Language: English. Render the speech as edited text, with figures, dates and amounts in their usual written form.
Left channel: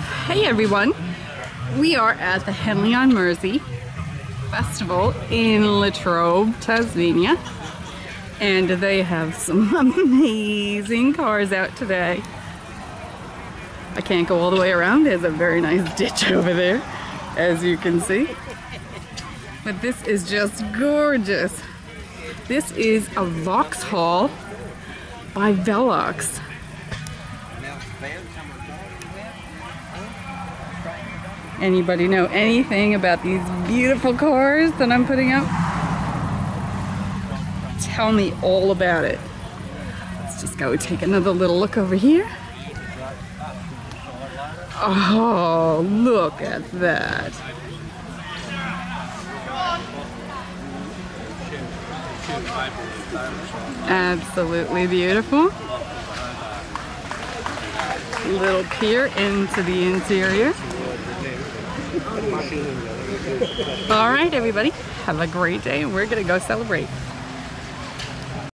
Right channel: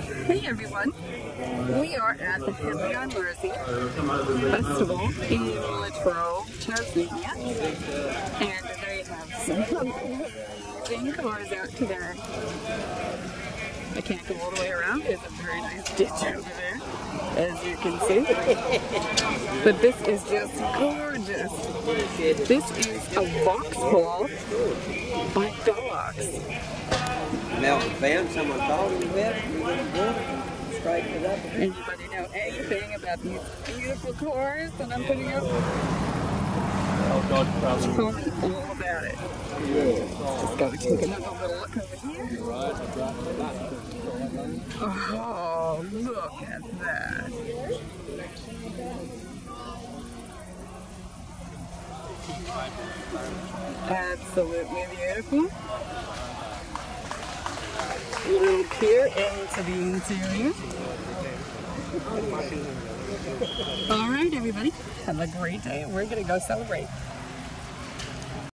Hey everyone, we are at the Henley-On-Mersey Festival in Latrobe, Tasmania, and they have some amazing cars out today. I can't go all the way around. There's a very nice ditch over there, as you can see. But this is just gorgeous. This is a Vauxhall by Velox. Anybody know anything about these beautiful cars that I'm putting up? Tell me all about it. Let's just go take another little look over here. Oh, look at that. Absolutely beautiful. Little peer into the interior. All right, everybody, have a great day, and we're gonna go celebrate.